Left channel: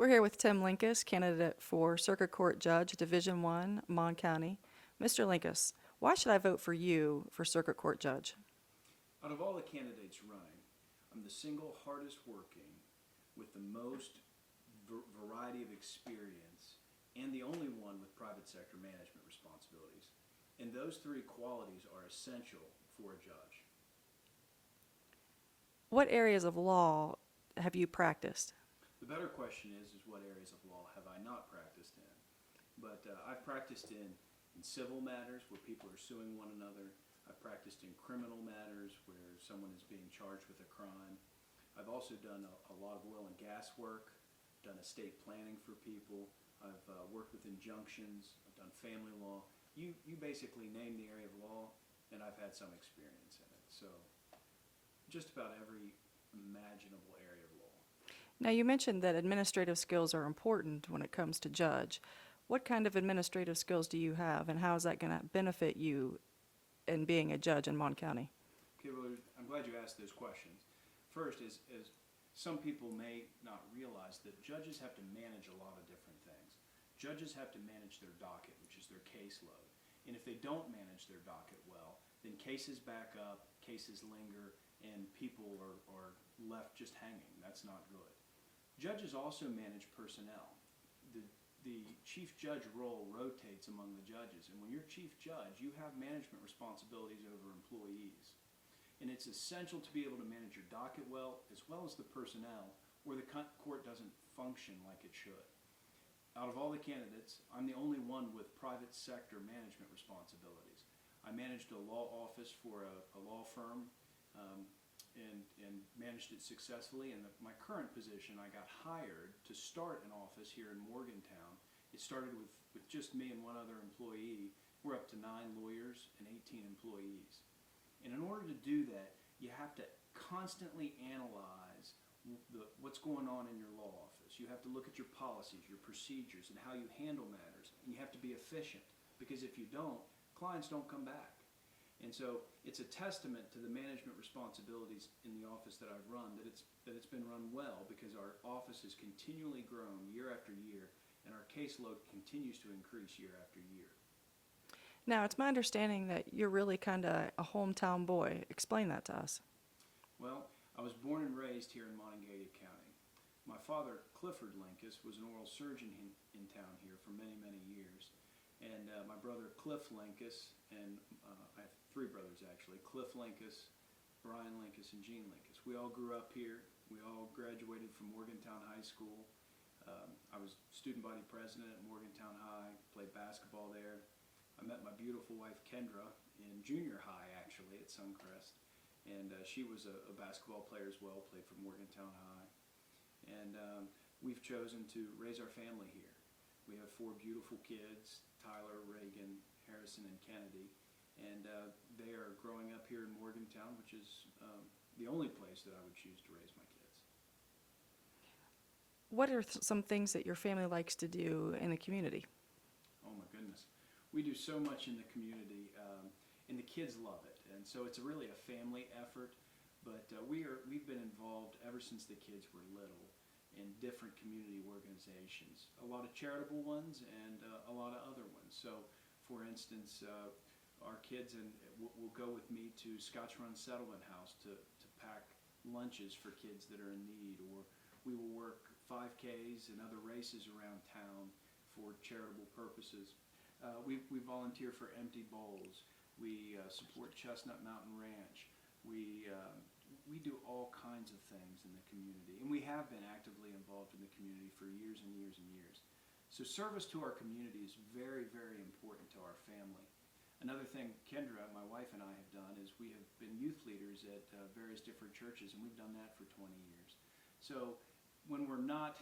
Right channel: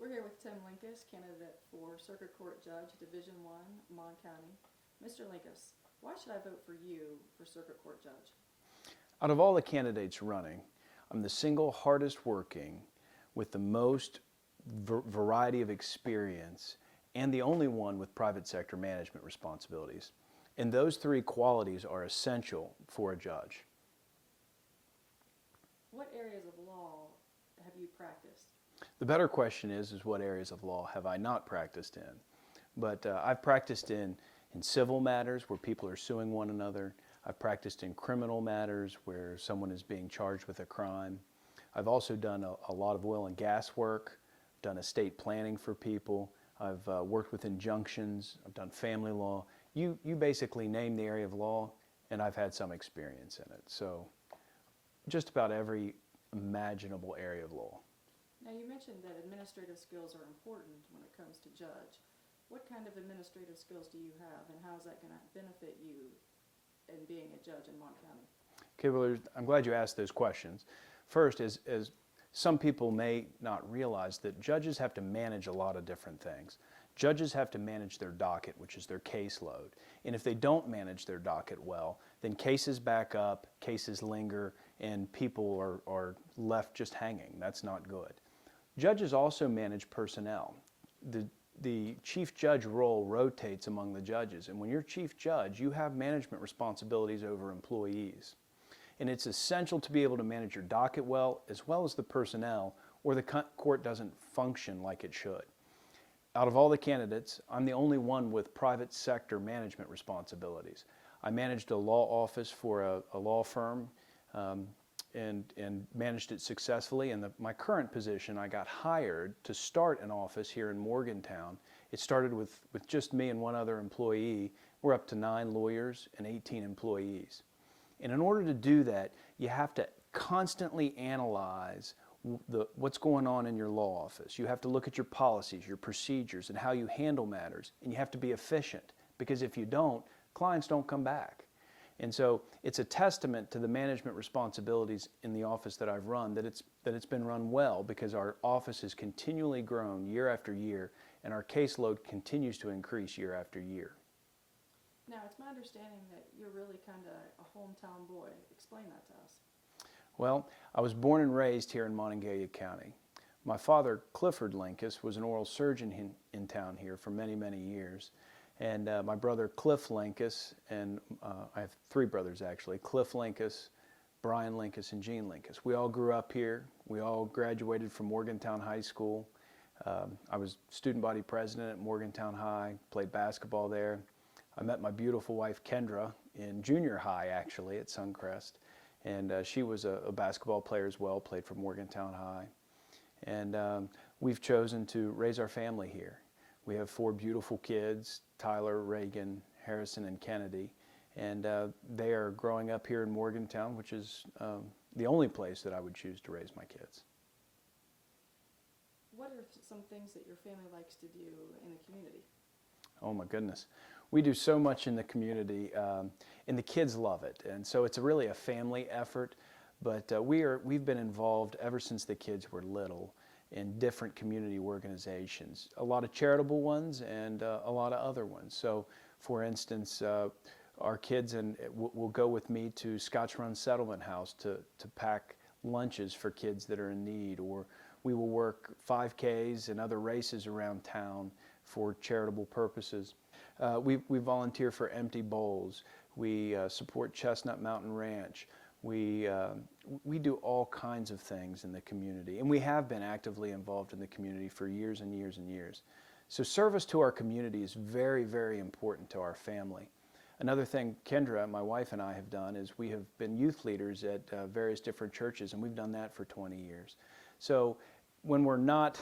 We're here with Tim Linkous, candidate for Circuit Court Judge, Division I, Mon County. Mr. Linkous, why should I vote for you for Circuit Court Judge? Out of all the candidates running, I'm the single hardest working with the most variety of experience and the only one with private sector management responsibilities. And those three qualities are essential for a judge. What areas of law have you practiced? The better question is what areas of law have I not practiced in? But I've practiced in civil matters where people are suing one another. I've practiced in criminal matters where someone is being charged with a crime. I've also done a lot of oil and gas work, done estate planning for people. I've worked with injunctions. I've done family law. You basically name the area of law, and I've had some experience in it. So just about every imaginable area of law. Now, you mentioned that administrative skills are important when it comes to judge. What kind of administrative skills do you have, and how is that going to benefit you in being a judge in Mon County? Okay, well, I'm glad you asked those questions. First, as some people may not realize, that judges have to manage a lot of different things. Judges have to manage their docket, which is their caseload. And if they don't manage their docket well, then cases back up, cases linger, and people are left just hanging. That's not good. Judges also manage personnel. The chief judge role rotates among the judges, and when you're chief judge, you have management responsibilities over employees. And it's essential to be able to manage your docket well as the personnel, or the court doesn't function like it should. Out of all the candidates, I'm the only one with private sector management responsibilities. I managed a law office for a law firm and managed it successfully. In my current position, I got hired to start an office here in Morgantown. It started with just me and one other employee. We're up to 9 lawyers and 18 employees. And in order to do that, you have to constantly analyze what's going on in your law office. You have to look at your policies, your procedures, and how you handle matters. And you have to be efficient, because if you don't, clients don't come back. And so it's a testament to the management responsibilities in the office that I've run that it's been run well, because our office has continually grown year after year, and our caseload continues to increase year after year. Now, it's my understanding that you're really kind of a hometown boy. Explain that to us. Well, I was born and raised here in Monongalia County. My father, Clifford Linkous, was an oral surgeon in town here for many, many years. And my brother, Cliff Linkous, and I have 3 brothers actually, Cliff Linkous, Brian Linkous, and Gene Linkous. We all grew up here. We all graduated from Morgantown High School. I was student body president at Morgantown High, played basketball there. I met my beautiful wife, Kendra, in junior high, actually, at Suncrest. And she was a basketball player as well, played for Morgantown High. And we've chosen to raise our family here. We have 4 beautiful kids, Tyler, Reagan, Harrison, and Kennedy. And they are growing up here in Morgantown, which is the only place that I would choose to raise my kids. What are some things that your family likes to do in the community? Oh my goodness. We do so much in the community, and the kids love it. And so it's really a family effort, but we've been involved ever since the kids were little in different community organizations, a lot of charitable ones and a lot of other ones. So for instance, our kids will go with me to Scotch Run Settlement House to pack lunches for kids that are in need, or we will work 5Ks and other races around town for charitable purposes. We volunteer for Empty Bowls. We support Chestnut Mountain Ranch. We do all kinds of things in the community, and we have been actively involved in the community for years and years and years. So service to our community is very, very important to our family. Another thing Kendra, my wife, and I have done is we have been youth leaders at various different churches, and we've done that for 20 years. So when we're not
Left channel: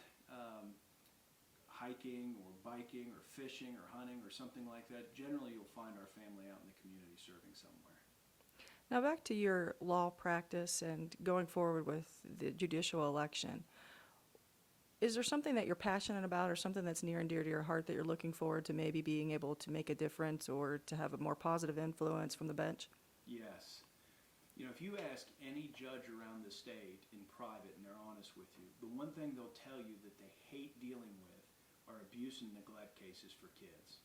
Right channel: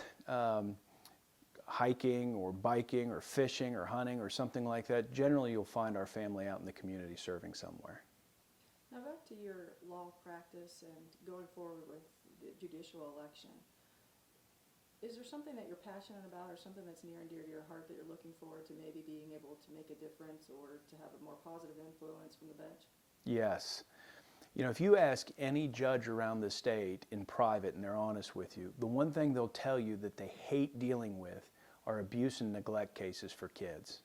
hiking or biking or fishing or hunting or something like that, generally you'll find our family out in the community serving somewhere. Now, back to your law practice and going forward with the judicial election. Is there something that you're passionate about, or something that's near and dear to your heart that you're looking forward to maybe being able to make a difference or to have a more positive influence from the bench? Yes. You know, if you ask any judge around the state in private and they're honest with you, the one thing they'll tell you that they hate dealing with are abuse and neglect cases for kids.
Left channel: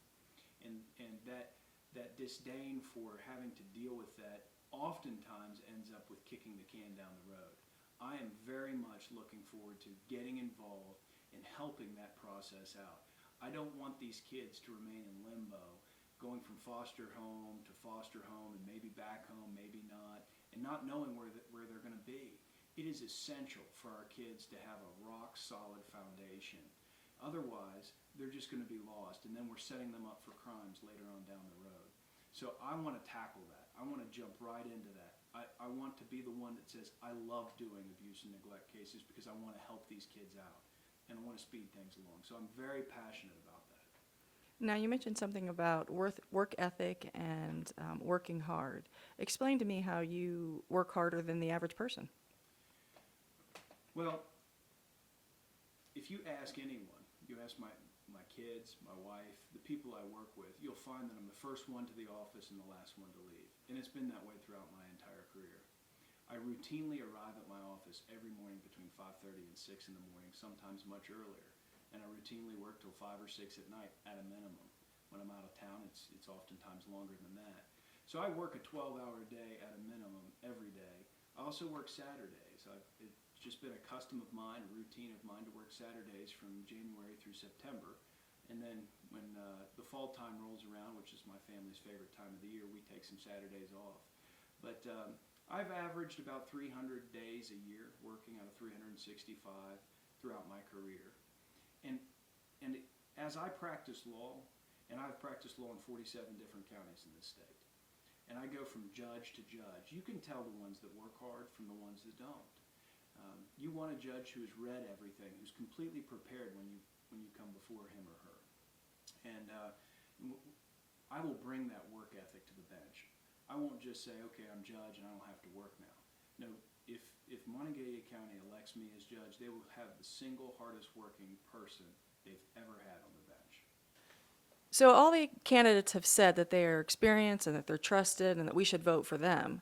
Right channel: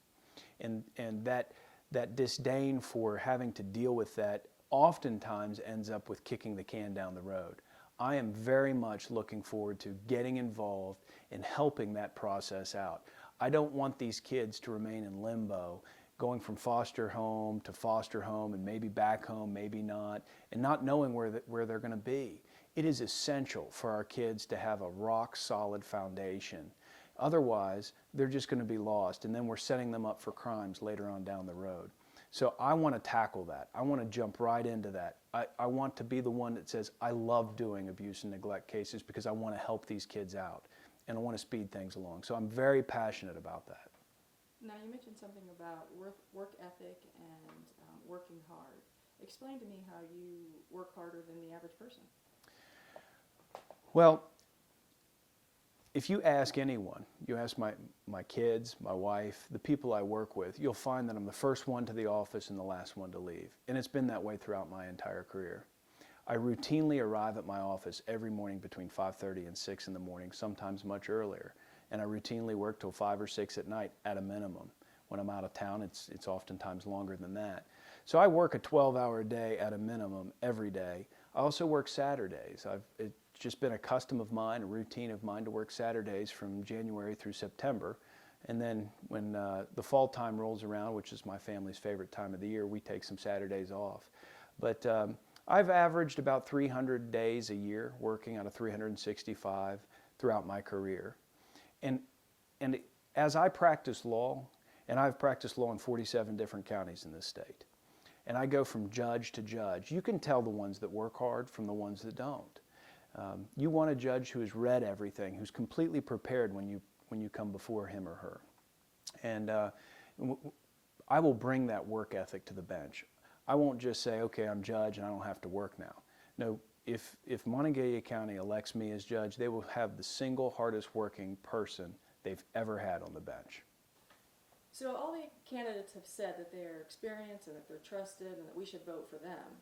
And that disdain for having to deal with that oftentimes ends up with kicking the can down the road. I am very much looking forward to getting involved and helping that process out. I don't want these kids to remain in limbo, going from foster home to foster home and maybe back home, maybe not, and not knowing where they're going to be. It is essential for our kids to have a rock solid foundation. Otherwise, they're just going to be lost, and then we're setting them up for crimes later on down the road. So I want to tackle that. I want to jump right into that. I want to be the one that says, I love doing abuse and neglect cases because I want to help these kids out, and I want to speed things along. So I'm very passionate about that. Now, you mentioned something about work ethic and working hard. Explain to me how you work harder than the average person. Well, if you ask anyone, you ask my kids, my wife, the people I work with, you'll find that I'm the first one to the office and the last one to leave. And it's been that way throughout my entire career. I routinely arrive at my office every morning between 5:30 and 6 in the morning, sometimes much earlier. And I routinely work till 5 or 6 at night at a minimum. When I'm out of town, it's oftentimes longer than that. So I work a 12-hour day at a minimum every day. I also work Saturdays. It's just been a custom of mine, a routine of mine to work Saturdays from January through September. And then when the fall time rolls around, which is my family's favorite time of the year, we take some Saturdays off. But I've averaged about 300 days a year working out of 365 throughout my career. And as I practice law, and I've practiced law in 47 different counties in this state, and I go from judge to judge, you can tell the ones that work hard from the ones that don't. You want a judge who has read everything, who's completely prepared when you come before him or her. And I will bring that work ethic to the bench. I won't just say, okay, I'm judge and I don't have to work now. No, if Monongalia County elects me as judge, they will have the single hardest working person they've ever had on the bench. So all the candidates have said that they are experienced and that they're trusted and that we should vote for them.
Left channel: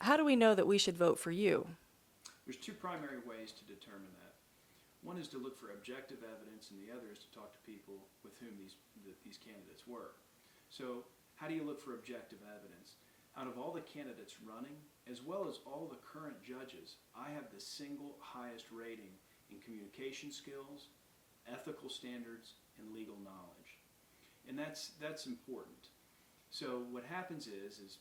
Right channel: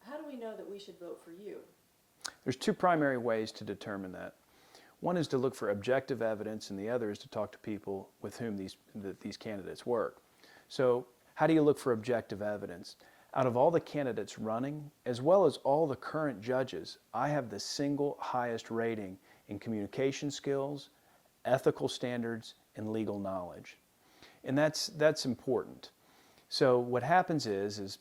How do we know that we should vote for you? There's two primary ways to determine that. One is to look for objective evidence, and the other is to talk to people with whom these candidates work. So how do you look for objective evidence? Out of all the candidates running, as well as all the current judges, I have the single highest rating in communication skills, ethical standards, and legal knowledge. And that's important. So what happens is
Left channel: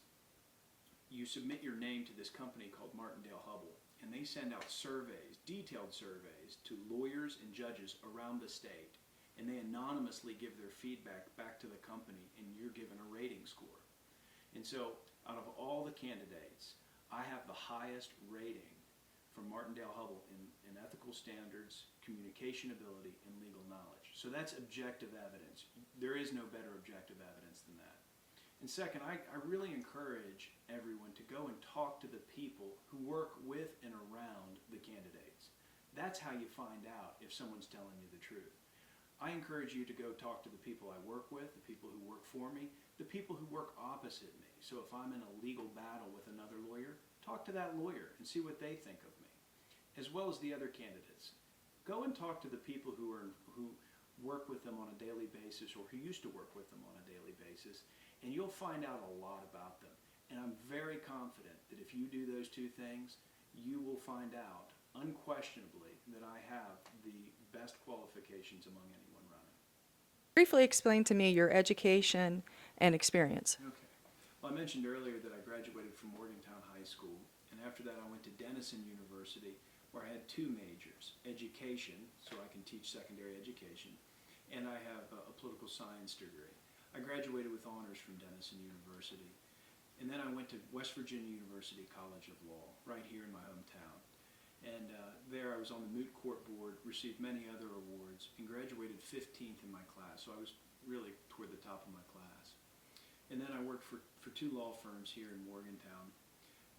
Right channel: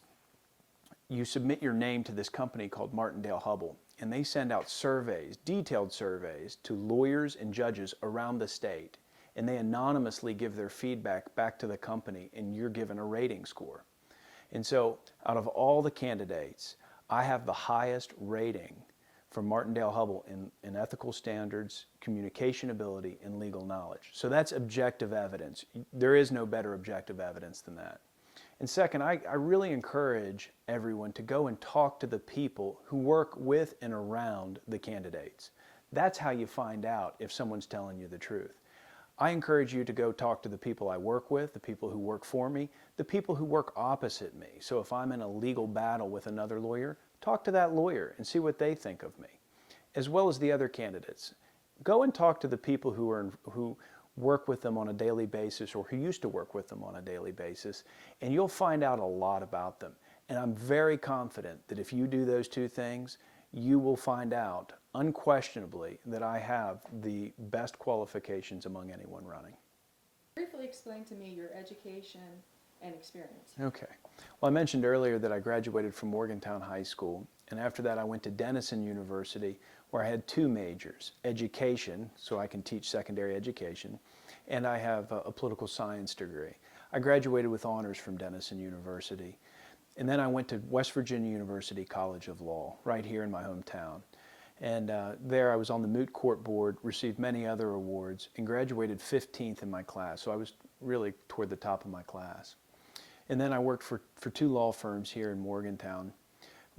you submit your name to this company called Martindale-Hubbell, and they send out surveys, detailed surveys, to lawyers and judges around the state, and they anonymously give their feedback back to the company, and you're given a rating score. And so out of all the candidates, I have the highest rating from Martindale-Hubbell in ethical standards, communication ability, and legal knowledge. So that's objective evidence. There is no better objective evidence than that. And second, I really encourage everyone to go and talk to the people who work with and around the candidates. That's how you find out if someone's telling you the truth. I encourage you to go talk to the people I work with, the people who work for me, the people who work opposite me. So if I'm in a legal battle with another lawyer, talk to that lawyer and see what they think of me, as well as the other candidates. Go and talk to the people who work with them on a daily basis or who used to work with them on a daily basis, and you'll find out a lot about them. And I'm very confident that if you do those two things, you will find out unquestionably that I have the best qualifications among anyone running. Briefly explain to me your education and experience. Okay. Well, I mentioned earlier that I graduated from Morgantown High School, and after that I went to Denison University, where I had two majors, education, so I can teach secondary education, and I have a political science degree. I graduated with honors from Denison University, and then I went to West Virginia University College of Law, right here in my hometown. And there I was on the moot court board, received many other awards, and graduated 15th in my class, so I was really toward the top of my class. And then I worked for two law firms here in Morgantown.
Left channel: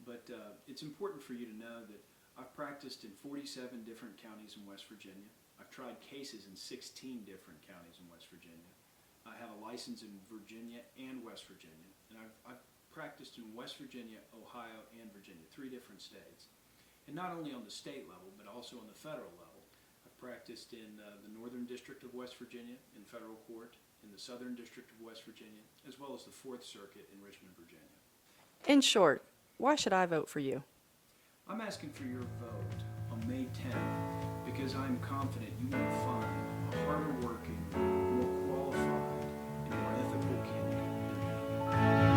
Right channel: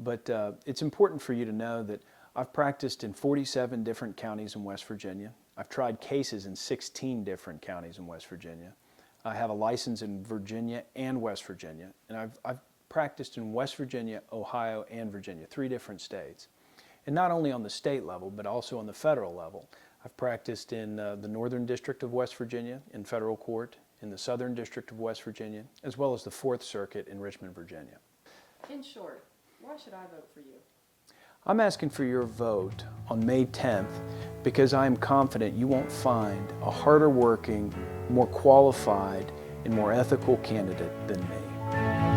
But it's important for you to know that I've practiced in 47 different counties in West Virginia. I've tried cases in 16 different counties in West Virginia. I have a license in Virginia and West Virginia, and I've practiced in West Virginia, Ohio, and Virginia, 3 different states. And not only on the state level, but also on the federal level. I've practiced in the Northern District of West Virginia in federal court, in the Southern District of West Virginia, as well as the Fourth Circuit in Richmond, Virginia. In short, why should I vote for you? I'm asking for your vote on May 10th because I am confident you won't find a harder working, more qualified, and more ethical candidate than me.